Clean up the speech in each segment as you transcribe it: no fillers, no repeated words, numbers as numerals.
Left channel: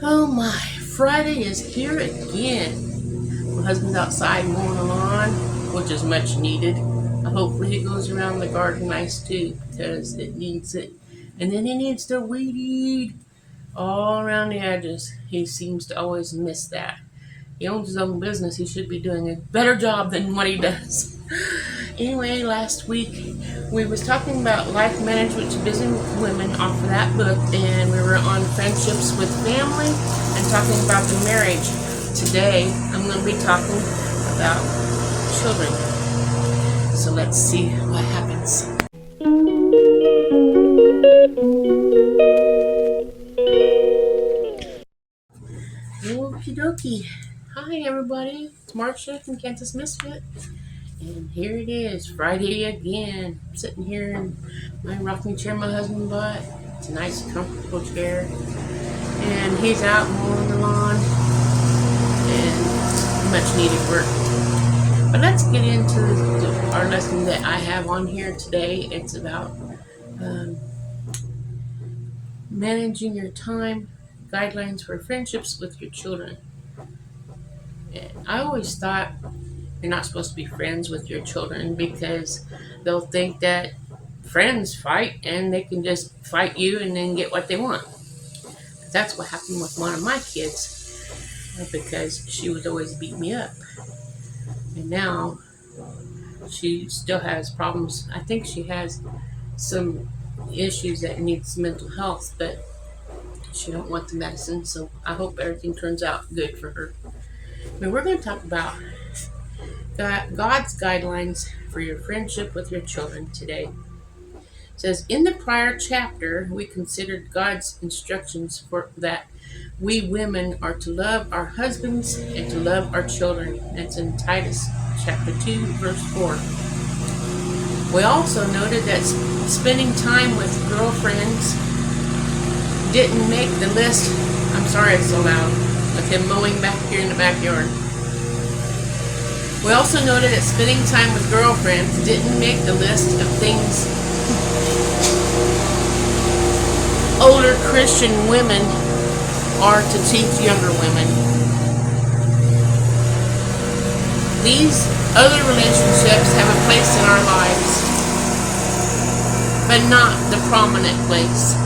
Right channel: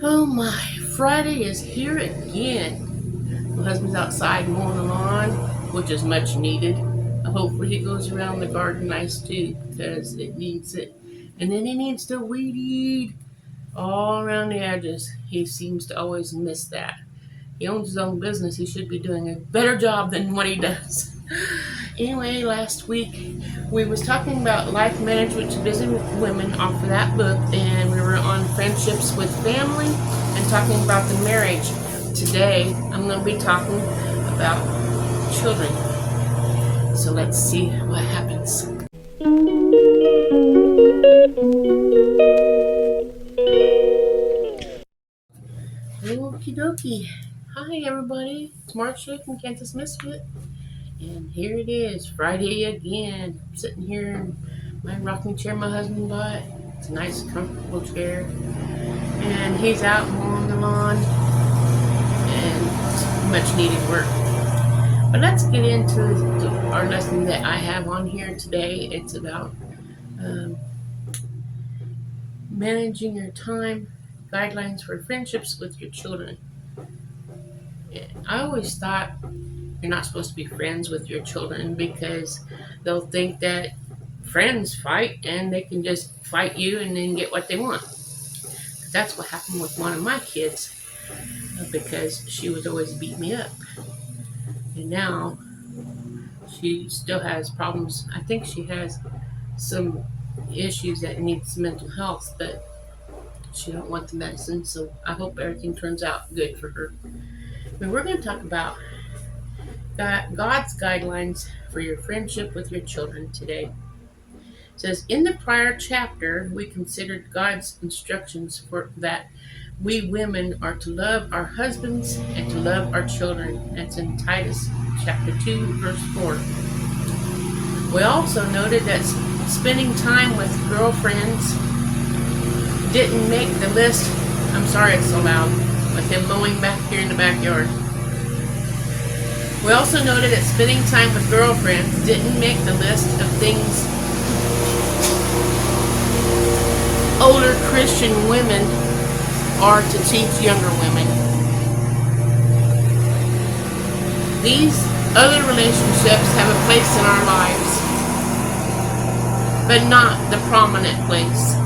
Oh my, Friday is here again. My husband's outside mowing the lawn, which is much needed. Hopefully he goes around the garden nice too, because it needs it. And then he needs to weed eat all around the edges. He seems to always miss that. He owns his own business. He should be doing a better job than what he does. Anyway, last week we was talking about life management to busy women off of that book, and we were on friendships with family and talking about the marriage. Today I'm going to be talking about children. So let's see what happens. Okie dokie. Hi everybody, it's Marcia from Kansas Misfit. And here it is, Friday again. I'm sitting here in my rocking chair my husband bought. It's a nice, comfortable chair. And he's out mowing the lawn. And much needed work. But let's get into our lesson that I have on here today. It's about managing your time, guidelines for friendships with your children. I always thought you're not supposed to be friends with your children because they'll think that friends fight and they can just fight you and then get what they want. That's what happened with one of my kids because she would always beat me up. And now she still has problems. I think she has some issues that needs mental health, but she don't want the medicine, so I hope everything turns out good for her. We're going to talk about God's guidelines for your friendship with your children today. It says, in the prior chapter, we considered God's instructions for that we women are to love our husbands and to love our children. That's in Titus chapter 2, verse 4. We also noted that spending time with girlfriends didn't make the list. I'm sorry it's so loud, with him mowing back here in the backyard. We also noted that spending time with girlfriends didn't make the list of things older Christian women are to teach younger women. These other relationships have a place in our lives, but not the prominent place.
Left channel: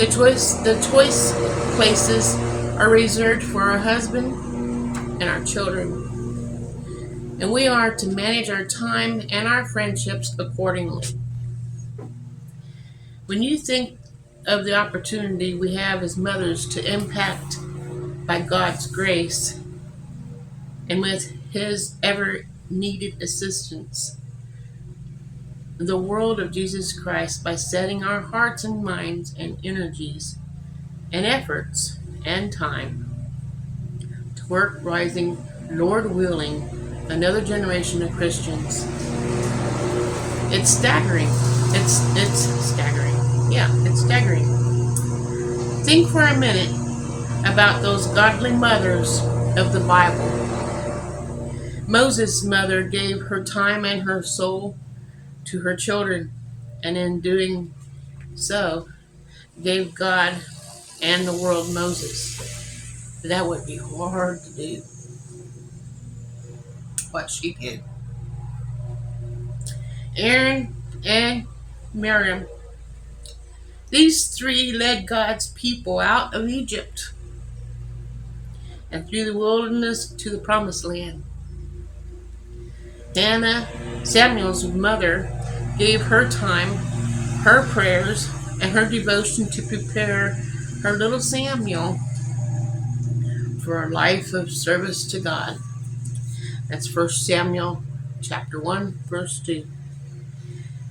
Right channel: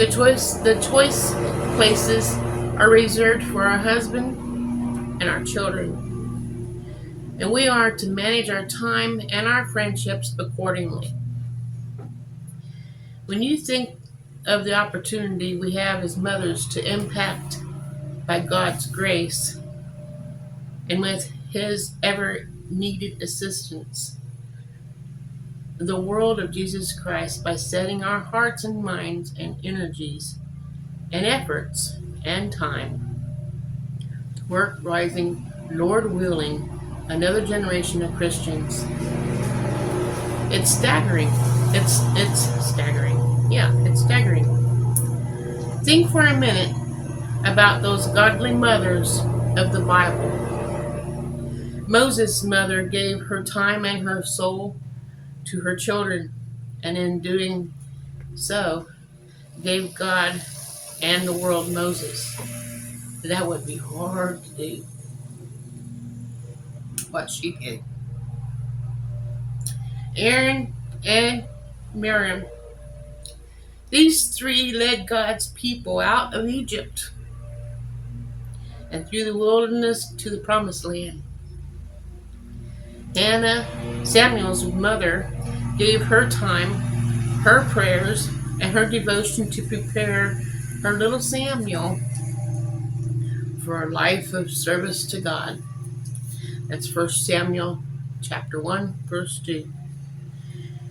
The choice places are reserved for our husband and our children. And we are to manage our time and our friendships accordingly. When you think of the opportunity we have as mothers to impact by God's grace and with His ever needed assistance, the world of Jesus Christ by setting our hearts and minds and energies and efforts and time to work rising, Lord willing, another generation of Christians. It's staggering. It's staggering. Yeah, it's staggering. Think for a minute about those godly mothers of the Bible. Moses' mother gave her time and her soul to her children, and in doing so, gave God and the world Moses. That would be hard to do, what she did. Aaron and Miriam. These three led God's people out of Egypt and through the wilderness to the promised land. Hannah, Samuel's mother, gave her time, her prayers, and her devotion to prepare her little Samuel for a life of service to God. That's 1 Samuel chapter 1, verse 2.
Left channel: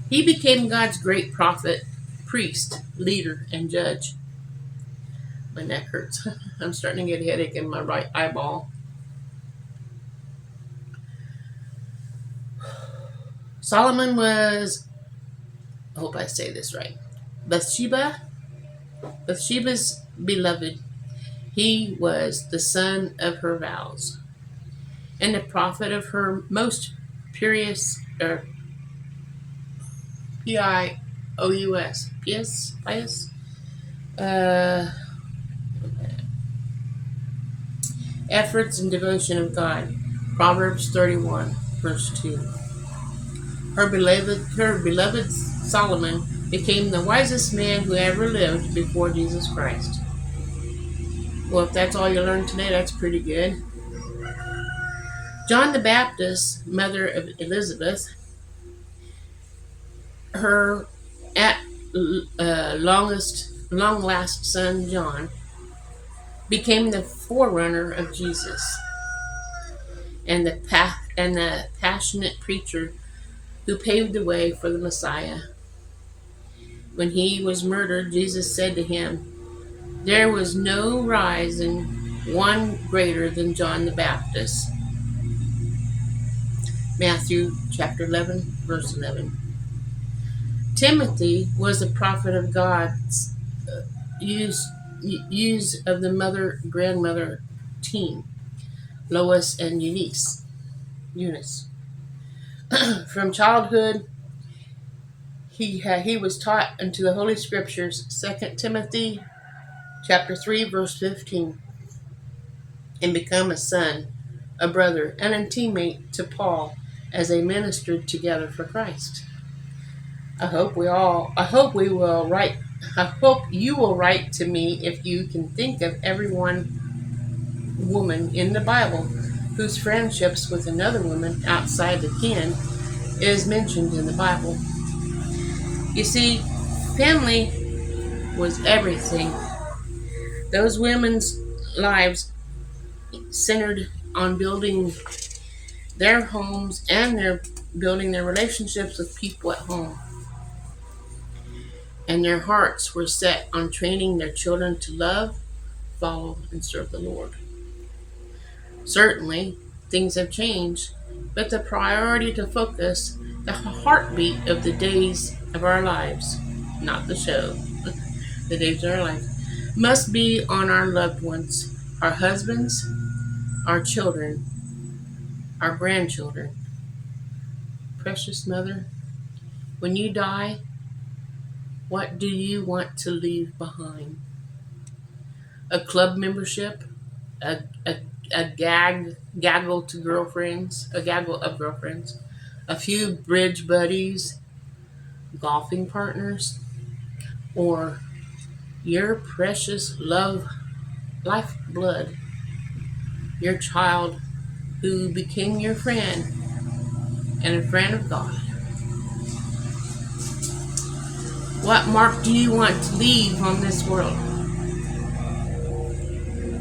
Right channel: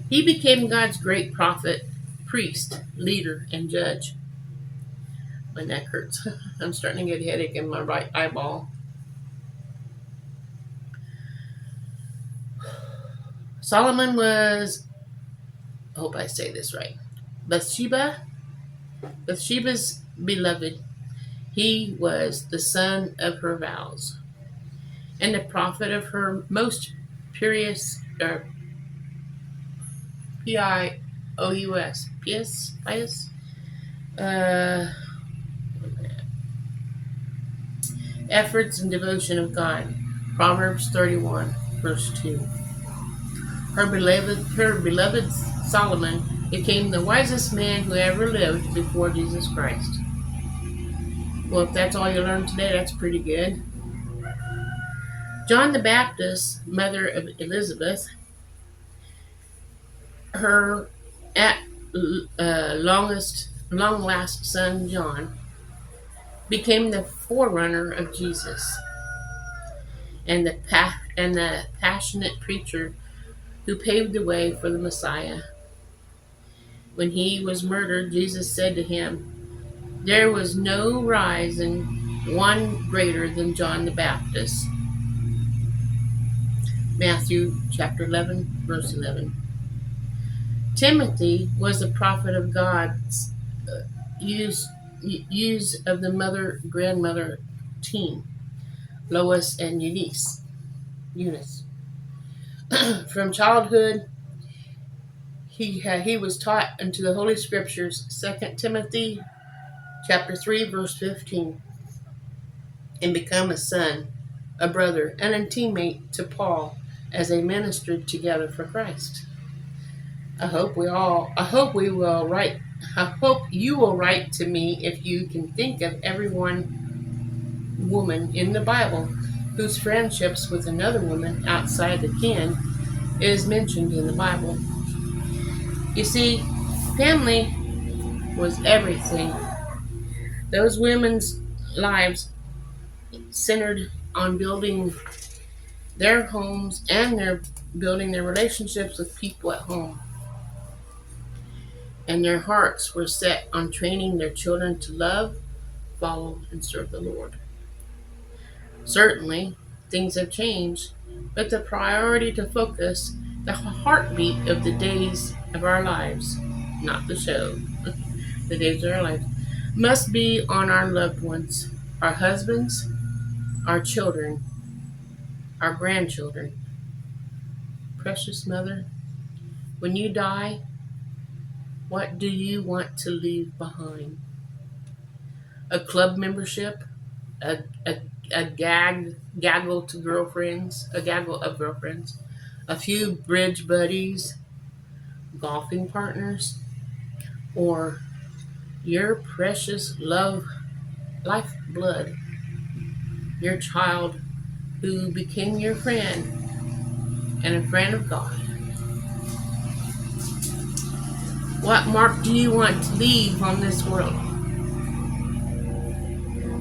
He became God's great prophet, priest, leader, and judge. My neck hurts. I'm starting to get a headache in my right eyeball. Solomon was, I hope I say this right, Bathsheba's beloved. He was the son of her vows and the prophet of her most pious, pious, pious, efforts and devotion of God. Proverbs 31, verse 2. Her beloved Solomon became the wisest man who ever lived before Jesus Christ. Well, if that's all you learned today, that's pretty good. John the Baptist, mother of Elizabeth, her long last son John, became the forerunner of Jesus and the passionate preacher who paved the way for the Messiah. When he was murdered, Jesus said to him, "There was no rising one greater than John the Baptist." Matthew chapter 11, verse 11. Timothy was a prophet of God's use of the mother-grandmother team, Lois and Eunice. From childhood, he was taught into the Holy Scriptures, 2 Timothy chapter 3, verse 15, and become a son, a brother, and a teammate to Paul as they ministered together for Christ. I hope you will write to me if you can think of every one woman in the Bible whose friendships with another woman outside the kin is mentioned in the Bible. You see, family was everything. Those women's lives centered on building their homes and building their relationships with people at home. And their hearts were set on training their children to love, follow, and serve the Lord. Certainly, things have changed, but the priority to focus, the heartbeat of the days of our lives, not the show, the days of our life, must be on our loved ones, our husbands, our children, our grandchildren. Precious mother, when you die, what do you want to leave behind? A club membership? A gaggle of girlfriends? A few bridge buddies? Golfing partners? Or your precious lifeblood? Your child who became your friend and a friend of God? What mark do you want to leave on this world?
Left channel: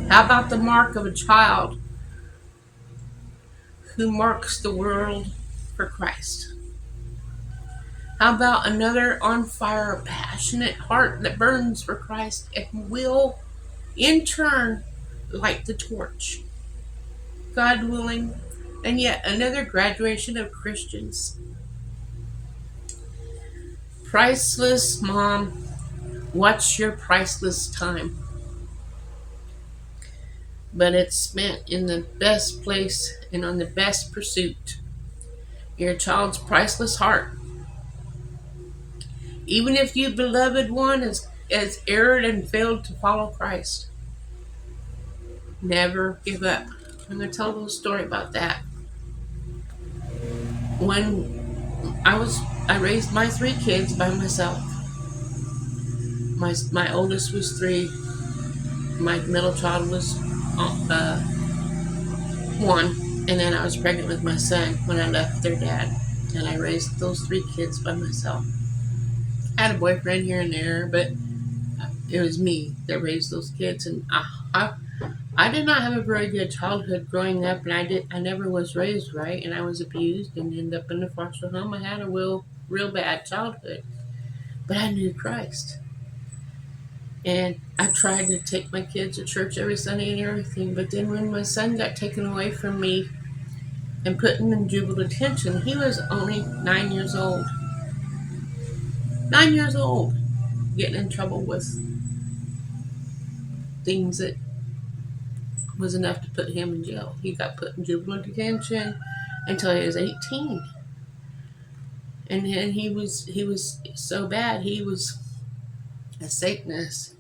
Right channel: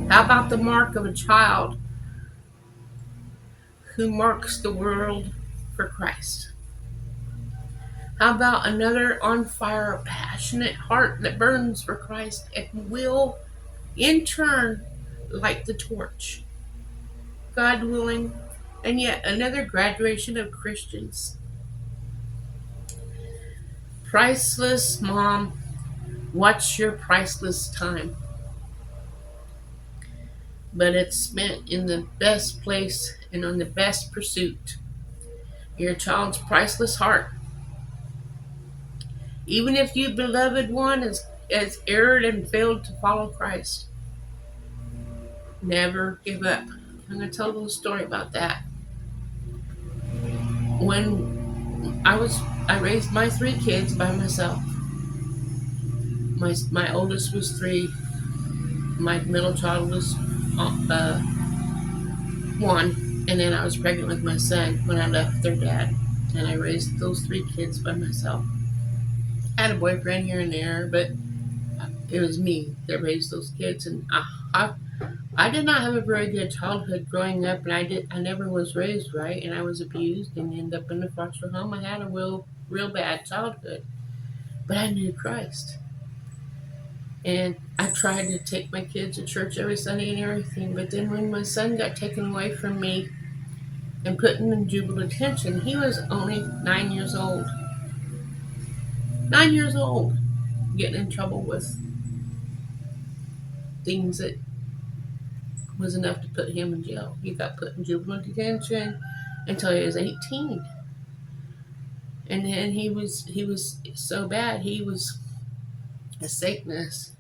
How about the mark of a child who marks the world for Christ? How about another on fire, passionate heart that burns for Christ and will, in turn, light the torch? God willing, and yet another graduation of Christians. Priceless mom, what's your priceless time? But it's spent in the best place and on the best pursuit. Your child's priceless heart. Even if your beloved one has erred and failed to follow Christ, never give up. I'm going to tell a little story about that. When I raised my 3 kids by myself. My oldest was 3. My middle child was 1. And then I was pregnant with my son when I left their dad. And I raised those 3 kids by myself. I had a boyfriend here and there, but it was me that raised those kids. And I did not have a very good childhood growing up, and I never was raised right, and I was abused and ended up in a foster home. I had a real bad childhood, but I knew Christ. And I tried to take my kids to church every Sunday and everything, but then when my son got taken away from me and put in juvenile detention, he was only 9 years old. 9 years old, getting in trouble with things that was enough to put him in jail. He got put in juvenile detention until he was 18. And then he was so bad, he was a Satanist,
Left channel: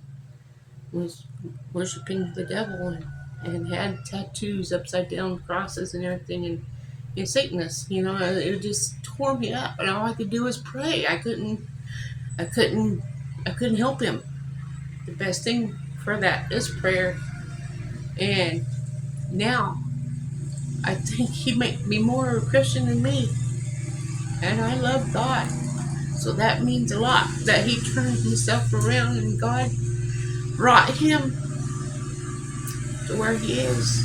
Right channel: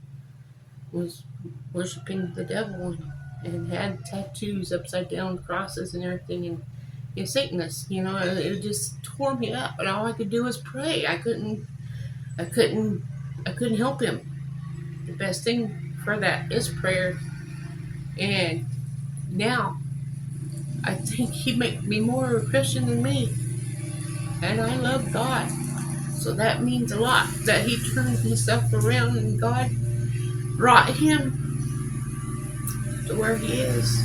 was worshiping the devil and had tattoos, upside down crosses and everything, and Satanist. It just tore me up. And all I could do was pray. I couldn't, I couldn't help him. The best thing for that is prayer. And now I think he might be more of a Christian than me, and I love God. So that means a lot that he turned himself around and God brought him to where he is.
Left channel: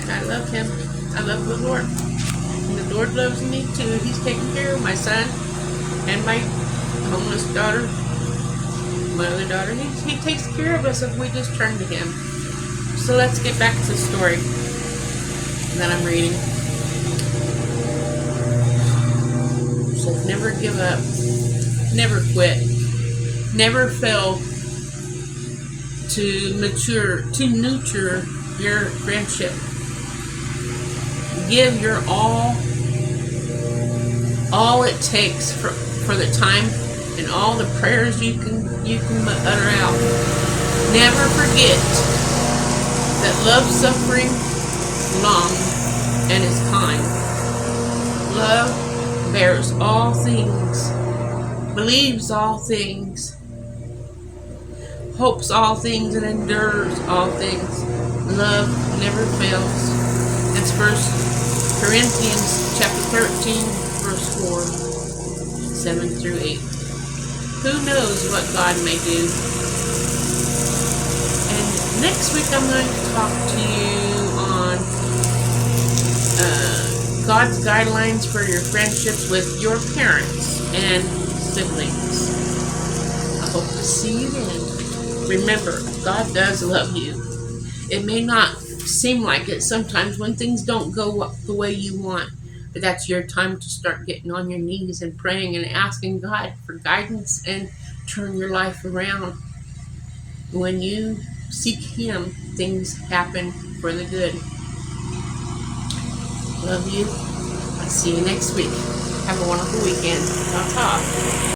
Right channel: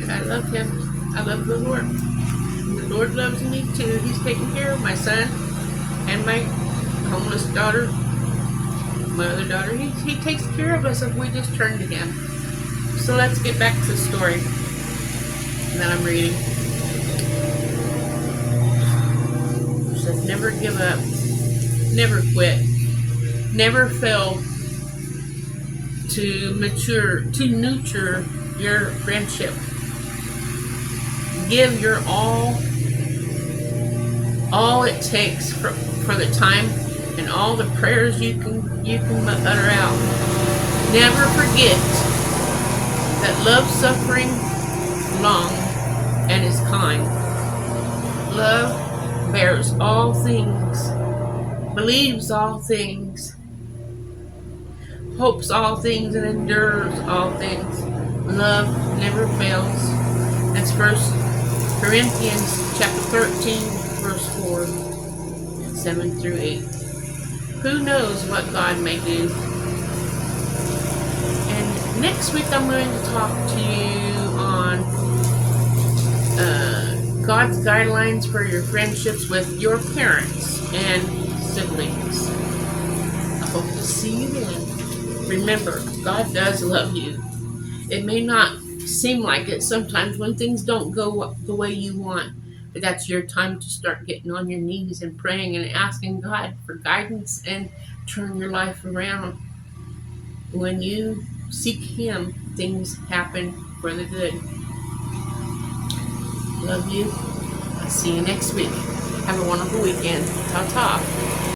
And I love him. I love the Lord. And the Lord loves me too. He's taking care of my son and my homeless daughter, my other daughter. He takes care of us if we just turn to him. So let's get back to the story that I'm reading. It says, never give up, never quit, never fail to nurture your friendship. Give your all it takes for the time and all the prayers you can utter out. Never forget that love suffering long and is kind. Love bears all things, believes all things, hopes all things, and endures all things. Love never fails. It's 1 Corinthians chapter 13, verse 4, 7 through 8. Who knows what God may do? And next week I'm going to talk to you on God's guidelines for your friendships with your parents and siblings. I hope to see you then. Remember, God does love you. It may not seem like it sometimes when things don't go the way you want, but that's your time to start getting on your knees and praying and asking God for guidance and turn your life around. When you seek Him, things happen for the good. Love you. I'll see you next week. Have a wonderful weekend. Ta-ta.